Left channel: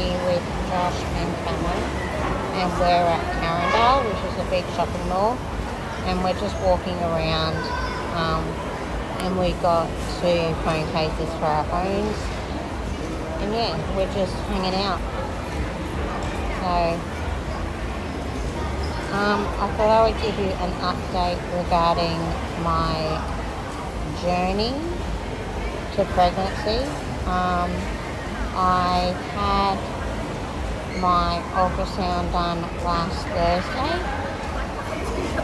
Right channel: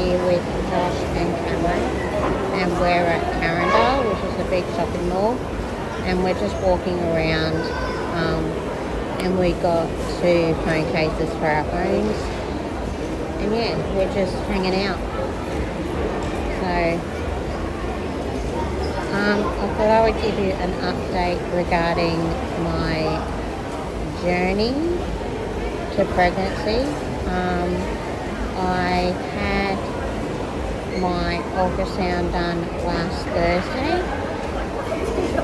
here with Josh and Cameron, and we're at Carindale, which is a big shopping mall, and we're just walking around, and we got 2 phone cases for our phones, and yeah, we're just hanging out. So I thought I would give you an update regarding my journey to pregnancy. I had my ultrasound done last Thursday,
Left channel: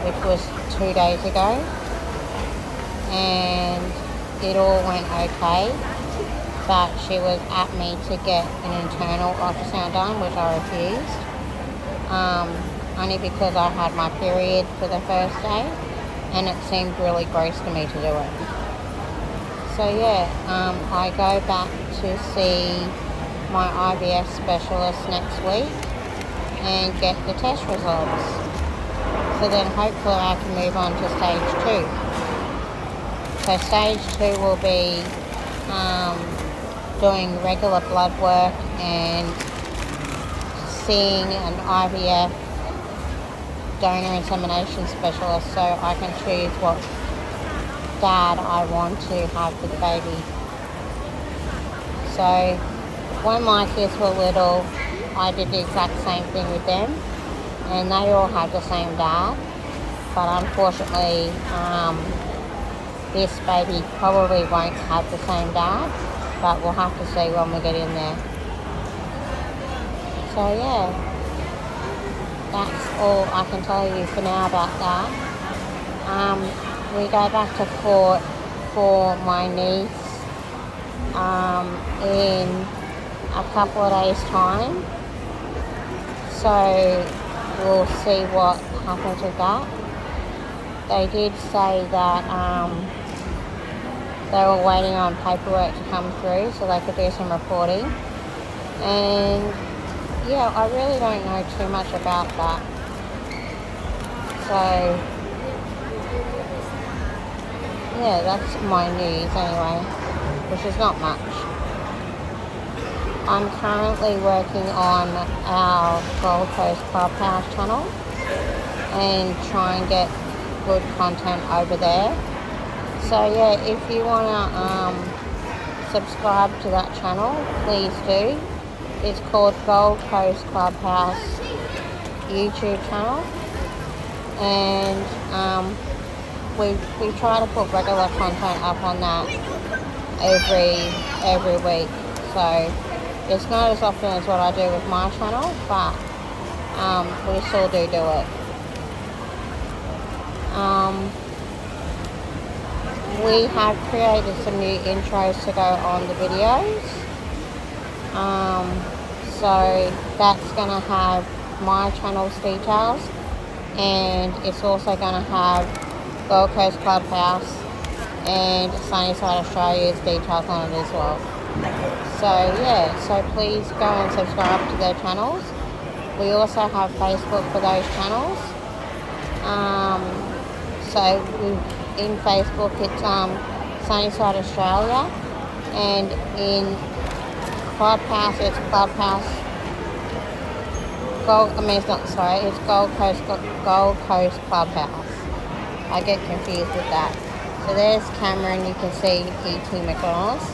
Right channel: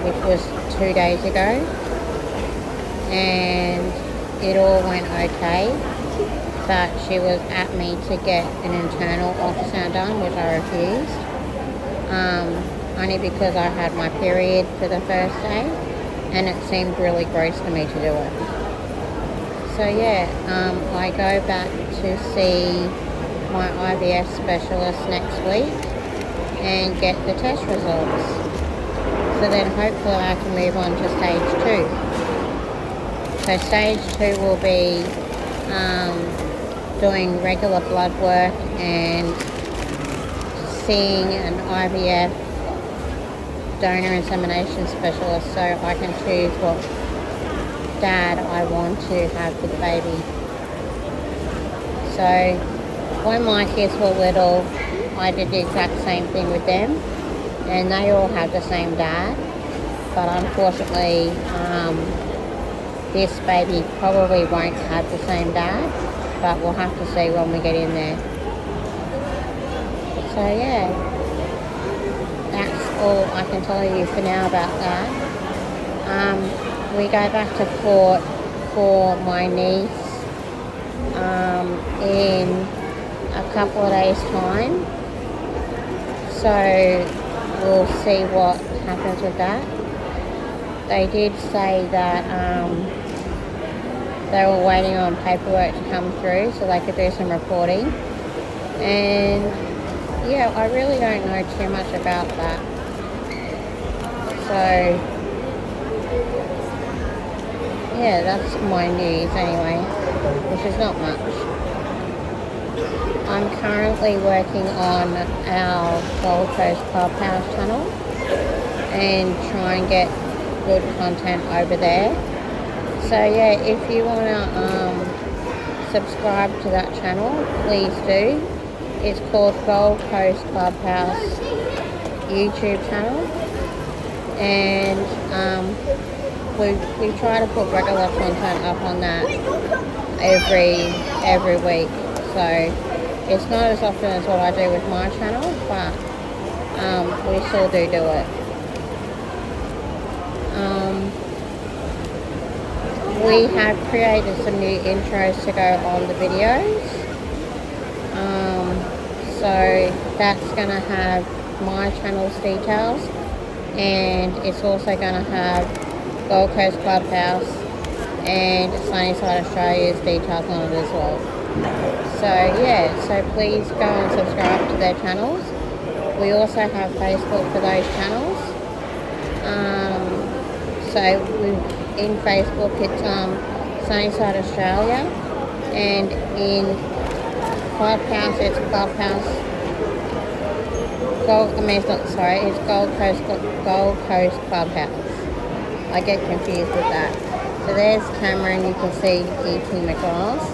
which was 2 days ago, and it all went okay, but she was at me to get an internal ultrasound done, which I refused, only because I had my period for the first day, and it seemed really gross for me to do it. So yeah, I go back to see my IVF specialist next week and get the test results. So then hopefully I can move on to stage 2. So stage 2 will be doing regular blood work and seeing an IVF donor insemination specialist, so I can choose what dad I want to have the baby. So when my kids were little, I did the exact same thing with them, and they all have the same dad, but unfortunately this baby probably won't have the same dad, but we'll have to see when we get in there. So yeah, that's all I can tell you for now about that. We go back to court for my niece in a couple of days' time, so we'll see what happens with that. They did say that they were waiting on paperwork to come through so they could do some reporting, and yeah, I really don't know too much about that. So yeah, that's my news anyway, which is not much. I'm currently working on our Gold Coast Clubhouse channel and try and get good content over there. So yeah, if you want to subscribe to that channel, please do. It's called Gold Coast Clubhouse YouTube channel, and we try to put regular content up on that every week. So it's not as often as what I do with my channel, but we still do it. We have created some new intros to go on the videos. So that's going to have my channel's details, and it's also going to have Gold Coast Clubhouse and Sunnyside Australia's details on it as well. So yeah, so please go and subscribe to their channels. We also have Facebook for those channels. So in Facebook it's Sunnyside Australia, and in Clubhouse it's Clubhouse it's Gold Coast Clubhouse. I get confused with that. So there's Cameron, you can see eating McDonald's,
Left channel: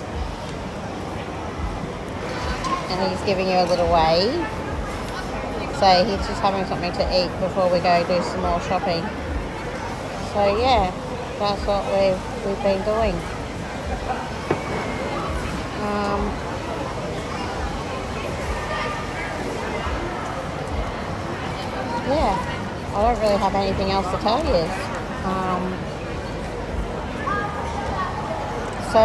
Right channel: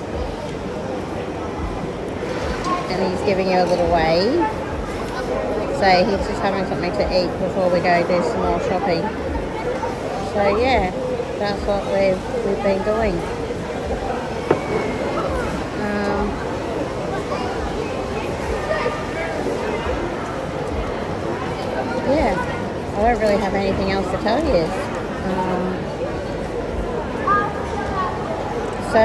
and he's giving you a little wave. So he's just having something to eat before we go do some more shopping. So yeah, that's what we've been doing. Yeah, I don't really have anything else to tell you. So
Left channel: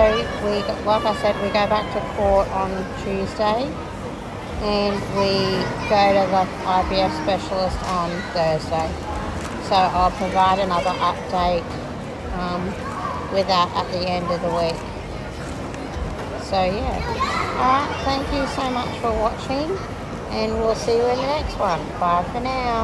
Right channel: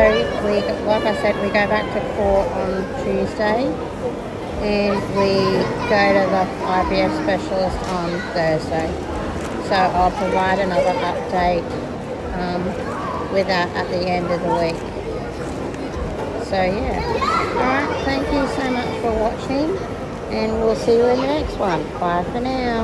like I said, we go back to court on Tuesday, and we go to the IVF specialist on Thursday. So I'll provide another update with that at the end of the week. So yeah, alright, thank you so much for watching, and we'll see you in the next one. Bye for now.